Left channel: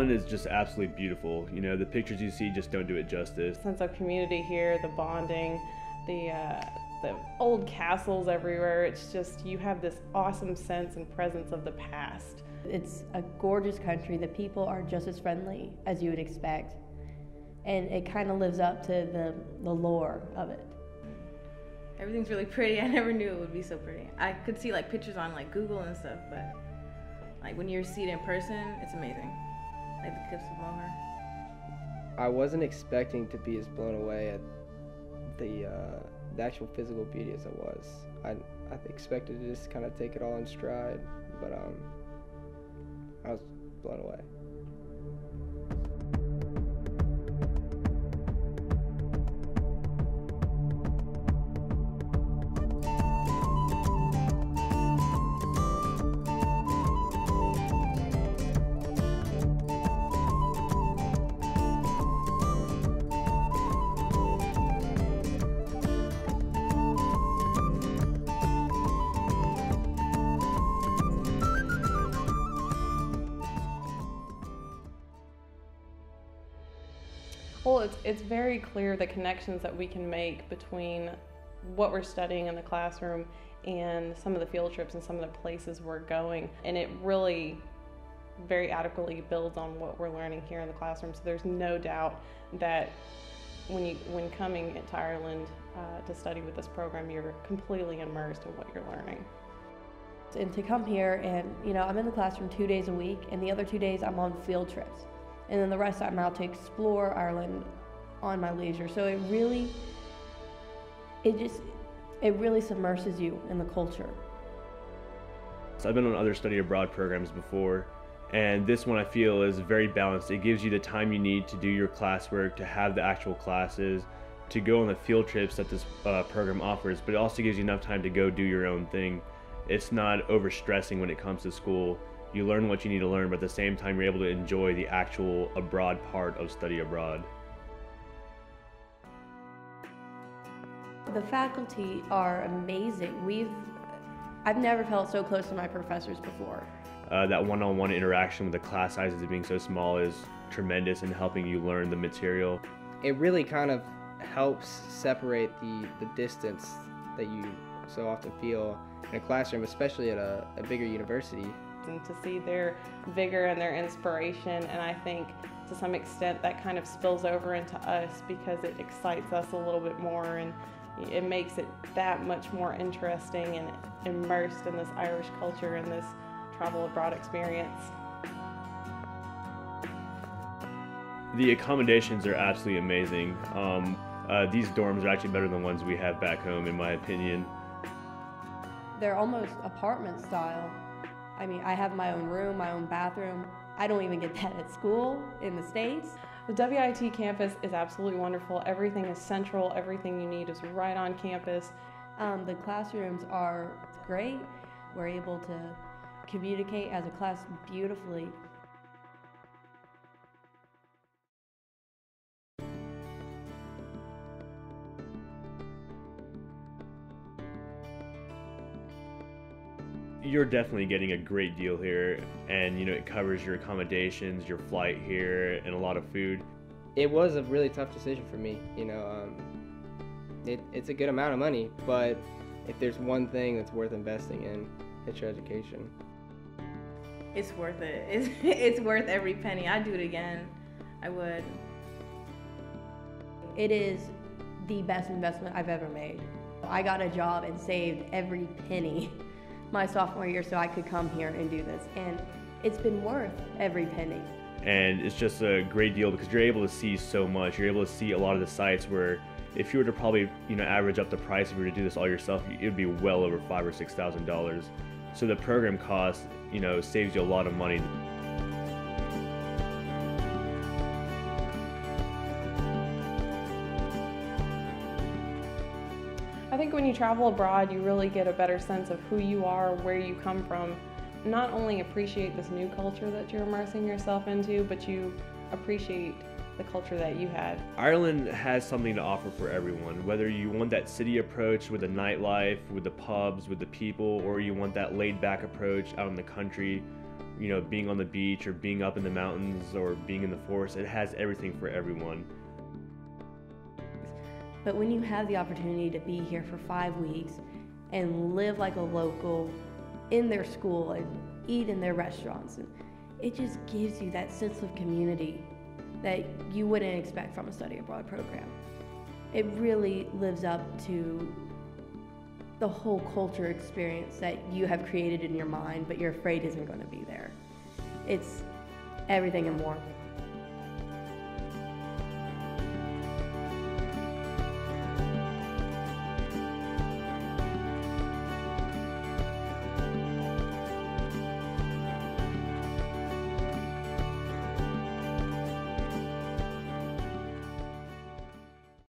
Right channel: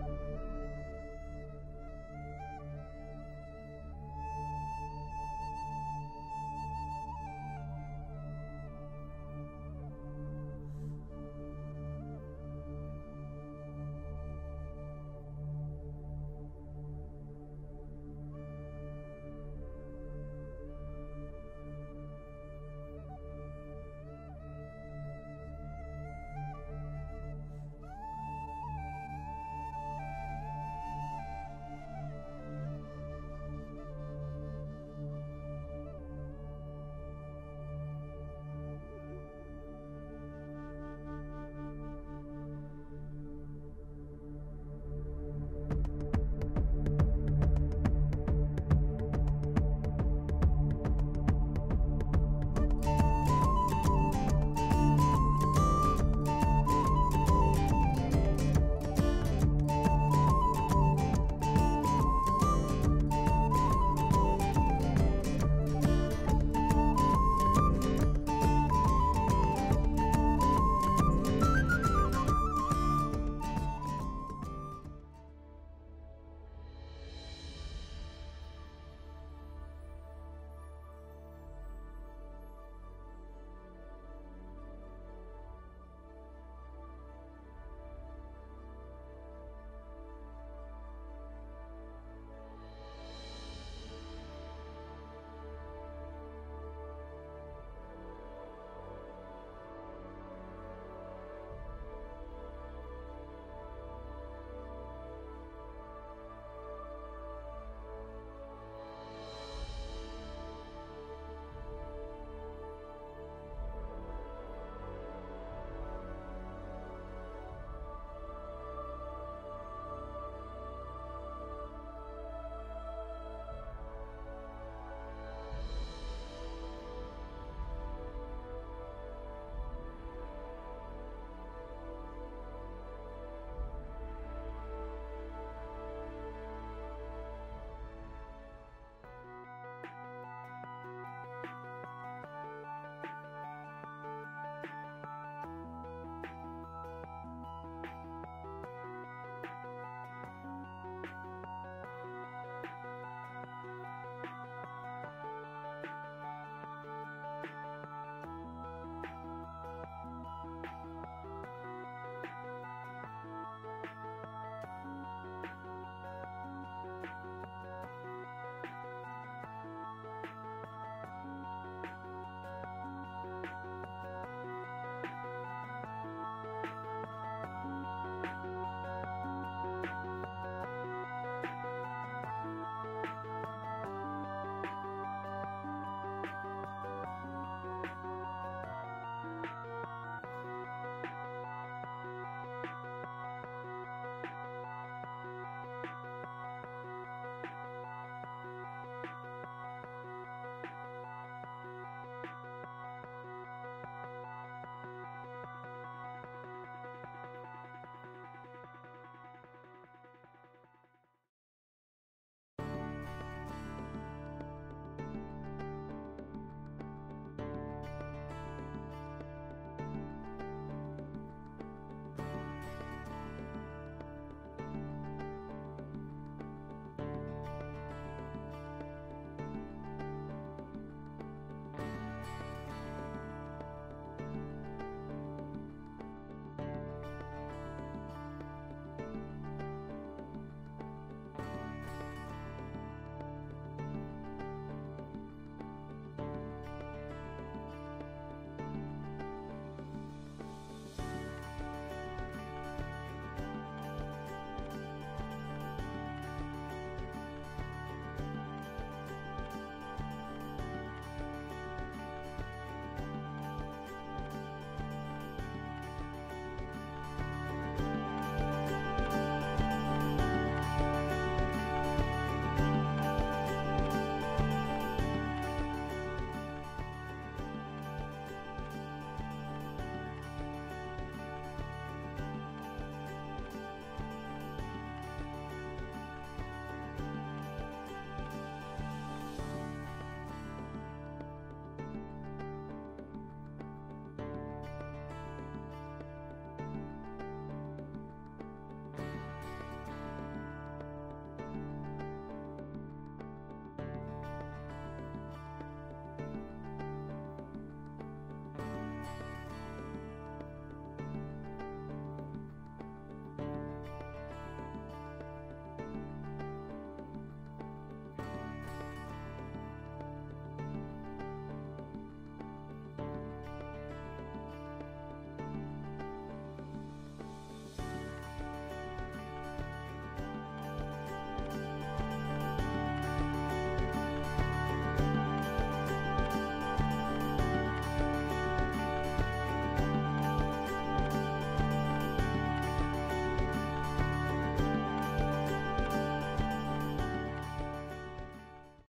Ireland is just absolutely beautiful. You know, the pictures you see just don't do it justice. Sense of community here, the bonding, the old castles everywhere. It's just, you have this awesome sense and presence of the past. It's a gorgeous country. The people are just as friendly as you would expect. And it kind of lives up to the lore of it. Everything's really pretty. I never knew it would be so pretty. I could see like pictures on like Google and stuff, but like when you see it in person, it's amazing. Like the cliffs of Moher. I wasn't expecting to be as blown away at the actual physical beauty as I was. I expected to just kind of take it all in stride, but I was blown away. Well, it's very clear the connections that we can make between what we're studying in the classroom and some of the field trips and some of the places we're going. And it really very adequately builds on what we're learning here in the classroom. So there's no doubt that when coming to Ireland to study with this program, you're completely immersed in what you're learning. And to come here and, you know, I'm in the classroom 2 days a week, and the other 2 days I'm on field trips. And then the rest I'm out to explore Ireland on my leisure. So it really submerses you in the culture. So I've been on other study abroad programs before, and this one I feel is very balanced. It gives you the time you need to do your classwork, to have the actual classes, to go on the field trips that this program offers, but it also gives you enough time to go do your own thing. It's not overstressing when it comes to school. You learn what you need to learn, but at the same time you're able to enjoy the actual abroad part of study abroad. The faculty are amazing. I've never felt so close to my professors before. That one-on-one interaction with the class sizes being so small is tremendous in helping you learn the material. It really kind of helps separate the distance that you so often feel in a classroom, especially at a bigger university. And to see their vigor and their inspiration, and I think to some extent that kind of spills over into us because it excites us a little bit more, and it makes it that much more interesting and immersed in this Irish culture and this travel abroad experience. The accommodations are absolutely amazing. These dorms are actually better than ones we have back home, in my opinion. They're almost apartment style. I mean, I have my own room, my own bathroom. I don't even get that at school in the States. The WIT campus is absolutely wonderful. Everything is central. Everything you need is right on campus. The classrooms are great. We're able to communicate as a class beautifully. You're definitely getting a great deal here, and you know, it covers your accommodations, your flight here, and a lot of food. It was a really tough decision for me, you know. It's a good amount of money, but if there's one thing that's worth investing in, it's your education. It's worth it. It's worth every penny. I'd do it again. I would. It is the best investment I've ever made. I got a job and saved every penny my sophomore year so I could come here and do this, and it's been worth every penny. And it's just a great deal because you're able to see so much. You're able to see a lot of the sites where if you were to probably, you know, average up the price if you were to do this all yourself, it would be well over $5,000 or $6,000. So the program cost, you know, saves you a lot of money. When you travel abroad, you really get a better sense of who you are, where you come from. Not only appreciate this new culture that you're immersing yourself into, but you appreciate the culture that you had. Ireland has something to offer for everyone, whether you want that city approach with the nightlife, with the pubs, with the people, or you want that laid-back approach out in the country being on the beach or being up in the mountains or being in the forest. It has everything for everyone. But when you have the opportunity to be here for 5 weeks and live like a local in their school and eat in their restaurants, it just gives you that sense of community that you wouldn't expect from a study abroad program. It really lives up to the whole culture experience that you have created in your mind, but you're afraid isn't going to be there. It's everything and more.